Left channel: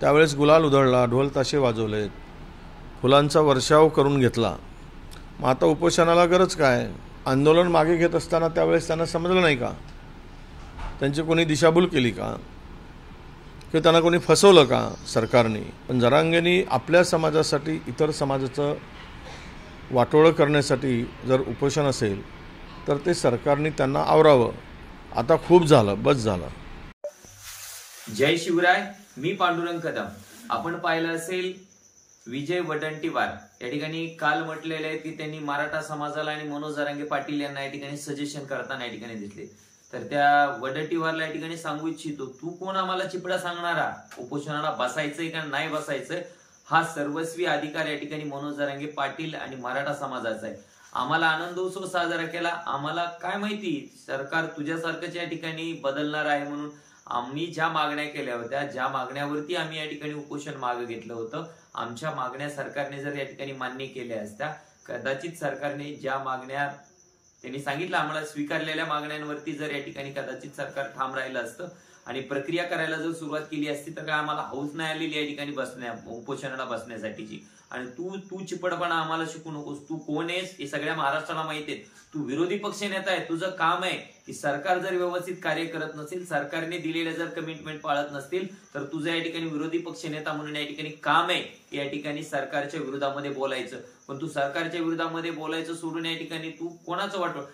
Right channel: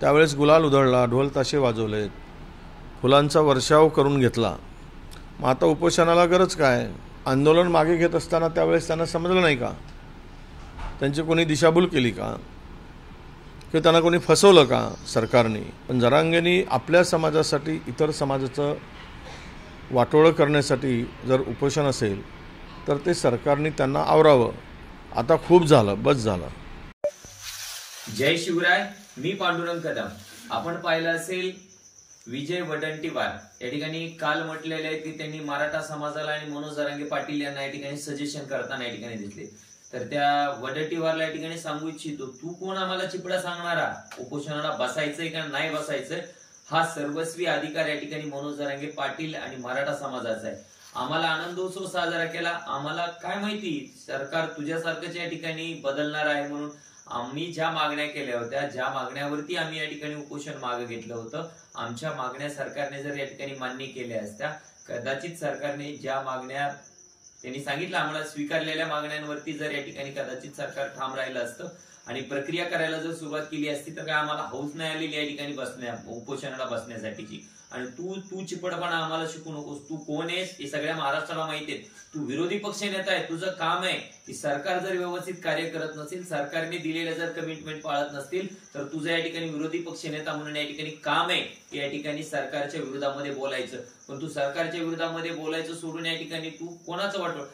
त्यावेळेस गुलाल उधळला, ढोल ताशे वाजवलेत, फुलांचा वर्षाव करून घेतला. मग आता उपोषणाला गरज काय? आंदोलन मागे घेत असताना त्यावेळेस त्यांना समजलं नाही का? त्यांची कोणी दिशाभूल केली का? किंवा त्यांना कोणी फसवलं का सरकारने? पण जरांगेंनी आपल्या समाजासाठी इतर समाजाचं वाटोळं करण्यासाठी जर उपोषण असेल तर ते सरकारने त्यांना आवरावं. आता खूप झालं, बस झालं. जय शिवराय. मी पांडुरंग कदम. आपण पाहिलं असेल विजय वडट्टीवार या ठिकाणी काल म्हटलेले आहे की त्यांनी मराठा समाजाला आणि मनोज जरांगे पाटील यांना या ठिकाणी सजेशन करताना या ठिकाणी दिसले. तर त्या वडट्टीवारला या ठिकाणी सांगू इच्छितो, तू कोण आम्हाला चिपडा सांगणारा? उपोषणाला बसायचंय का नाही बसायचं हा सर्वस्वी अधिकार या ठिकाणी मनोज जरांगे पाटील आणि मराठा समाजाचा आहे. आम्हाला आनंदोत्सव साजरा केला, आम्हाला काय माहिती सरकार तुझ्यासारखंच या ठिकाणी बदलणार आहे म्हणून आम्ही ज्या मागण्या केल्या होत्या, ज्या मागण्यावरती आम्ही या ठिकाणी उपोषण मागे घेतलं होतं, आमच्या मागण्या सरकारने जर या ठिकाणी मान्य केल्या असत्या, कदाचित सरकारने ज्या मागण्या त्यांनी सांगितलं आम्हाला स्वीकारलेल्या मागण्यांवरती जर या ठिकाणी कदाचित सरकार ठाम राहिलं असतं आणि प्रक्रिया करायला जर सुरुवात केली असती तर काय आम्हाला हौस नाही आलेली या ठिकाणी उपोषणाला बसण्यासाठीची. आणि तू चिपडपणा आम्हाला शिकू नकोस. तू कोण आहेस हे सगळ्या महाराष्ट्राला माहिती आहे. तू विरोधी पक्ष नेता आहे. तुझं काम आहे की सरकार जर व्यवस्थित कार्य करत नसेल, सरकारने दिलेल्या जर कमिटमेंट पाळत नसतील तर तुझं या ठिकाणी विरोधी पक्ष नेता म्हणून या ठिकाणी काम आहे की या ठिकाणी सरकारच्या विरोधामध्ये बोलायचं. पण तू सरकारच्या विरोधामध्ये बोलायचं सोडून या ठिकाणी तू कोणाचं वाटव?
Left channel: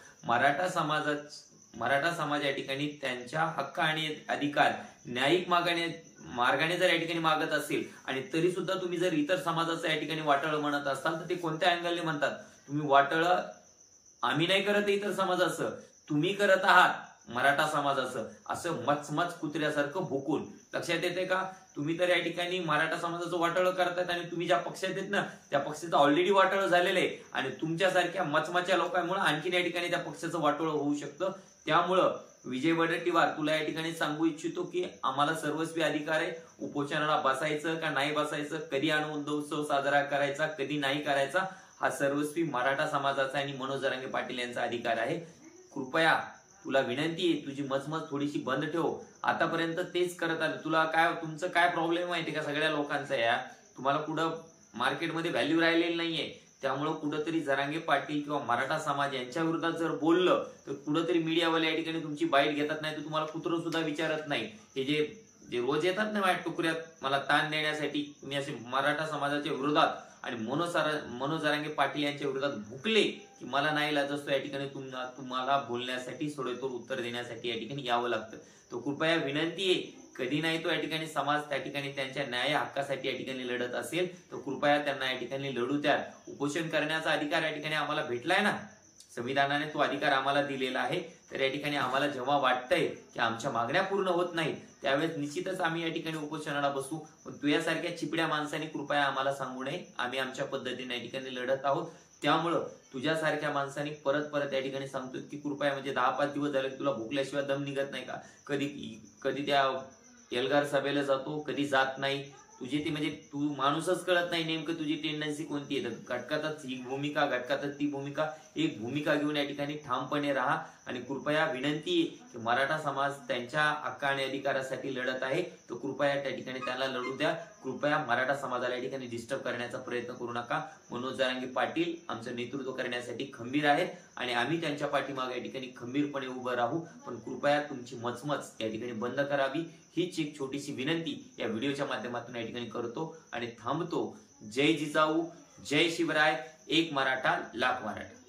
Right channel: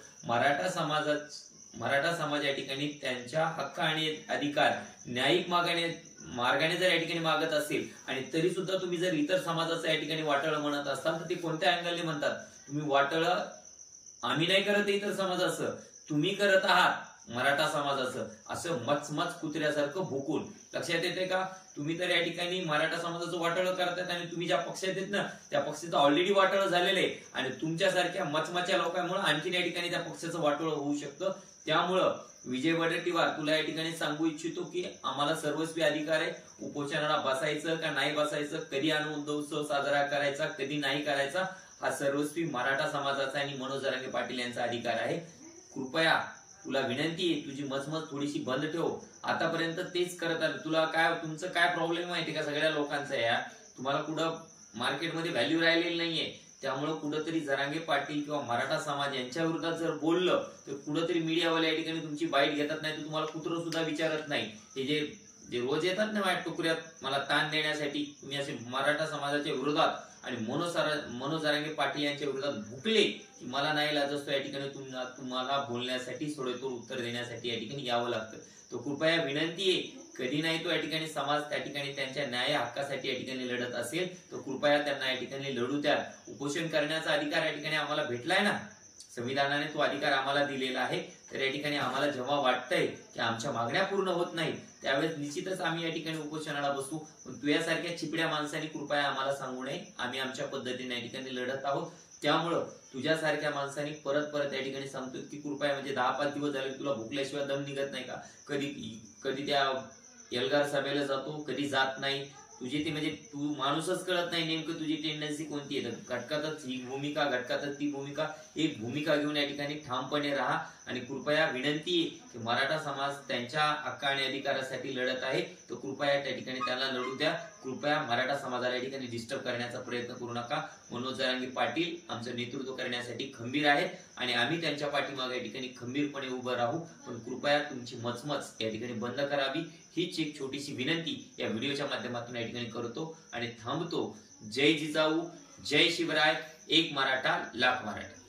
मराठा समाज या ठिकाणी त्यांच्या हक्क आणि अधिकार न्यायिक मार्गाने जर या ठिकाणी मागत असेल आणि तरी सुद्धा तुम्ही जर इतर समाजाचं या ठिकाणी वाटळ म्हणत असाल तर ते कोणत्या अँगलने म्हणतात? तुम्ही वाटळ आम्ही नाही करत इतर समाजाचं, तुम्ही करत आहात मराठा समाजाचं, असं मचमच कुत्र्यासारखं भुकून. लक्षात येते का? तुम्ही तर या ठिकाणी मराठा समाजाचं वाटळ करतायत आणि तुम्ही ज्या पक्षात आहेत ना त्या पक्षाचं ऑलरेडी वाटळ झालेलं आहे आणि तुमच्यासारख्या मचमच्या लोकांमुळे आणखीन या ठिकाणी त्या पक्षाचं वाटळ होऊ शकतं. त्यामुळं विजय वडट्टीवार तुला या ठिकाणी सांगू इच्छितो की आम्हाला सर्वस्वी अधिकार आहे. उपोषणाला बसायचं का नाही बसायचं, कधी आनंदोत्सव साजरा करायचा, कधी नाही करायचा, हा सर्वस्वी मराठा समाजाचा आणि मनोज जरांगे पाटील यांचा अधिकार आहे. कृपया तुला विनंती आहे, तुझी मचमच थोडीशी बंद ठेव. आतापर्यंत तेच करत आलं. तुला काय तुमचं काय प्रॉब्लेम माहिती का सगळ्या लोकांचा? या तुम्हाला कुठं मार्केटमध्ये व्हॅल्यू राहिलेली नाहीये. त्यामुळे कुठंतरी जरांगे पाटील किंवा मराठा समाज यांच्या विरोधात जर बोललं तर कुठंतरी मीडियावाले या ठिकाणी तुमची बाईट घेतात, नाही तर तुम्हाला कुत्रं सुद्धा विचारत नाही. हे जे रोज येतात ना माझ्या टुकड्यात मला ताण देण्यासाठी, तुम्ही असे मराठा समाजाच्या विरोधात आणि मनोज जरांगे पाटील यांच्या विरोधात भुकले की मला नाही लाज असतो या ठिकाणी तुम्हाला बोलण्यासाठी सडेतोड उत्तर देण्यासाठी या ठिकाणी यावं लागतं. तो कृपया विनंती आहे, कधी नाही तो या ठिकाणी समाज त्या ठिकाणी त्यांच्या न्याय हक्कासाठी या ठिकाणी लढत असेल तर कृपया त्यांना या ठिकाणी लढू द्या. उपोषण करण्याचा अधिकार या ठिकाणी आम्हाला भेटलाय ना, संविधानाने तो अधिकार आम्हाला दिलेला आहे. तर या ठिकाणी आम्हाला जेव्हा वाटतंय की आमच्या मागण्या पूर्ण होत नाहीत त्यावेळेस निश्चितच आम्ही या ठिकाणी उपोषणाला बसू. पण तुझ्यासारख्या चिपड्या माणसांनी कृपया आम्हाला सांगू नये. आम्ही आमच्या पद्धतीने या ठिकाणी लढत आहोत. त्यामुळं तुझ्यासारख्या माणसांनी परत या ठिकाणी सांगतो की कृपया, म्हणजे 10-5 दिवस झाले तुला भुकल्याशिवाय दम निघत नाही का? कधी त्या एल्गार सभेला जातो, कधी जात नाही. तुझी ती म्हणजे तू माणूसच कळत नाही नेमकं तुझी टेंडन्सी कोणती आहे. घटकातच ही भूमिका, घटकातच ती भूमिका, एक भूमिका घेऊन या ठिकाणी ठामपणे राहा. आणि कृपया विनंती की मराठा समाज त्यांच्या हक्क आणि अधिकारासाठी लढत आहे, तर कृपया त्या ठिकाणी त्यांना लढू द्या. कृपया मराठा समाजाला या ठिकाणी डिस्टर्ब करण्याचा प्रयत्न करू नका. मनोज जरांगे पाटील आमचं नेतृत्व करण्यासाठी खंबीर आहेत आणि आम्ही त्यांच्या पाठीमागे या ठिकाणी खंबीरपणे उभं राहू. पण कृपया तुमची मचमच या ठिकाणी बंद करावी, हीच एक छोटीशी विनंती या व्हिडिओच्या माध्यमातून या ठिकाणी करतो आणि थांबतो. जय जिजाऊ, जय शिवराय, एक मराठा लाख मराठा.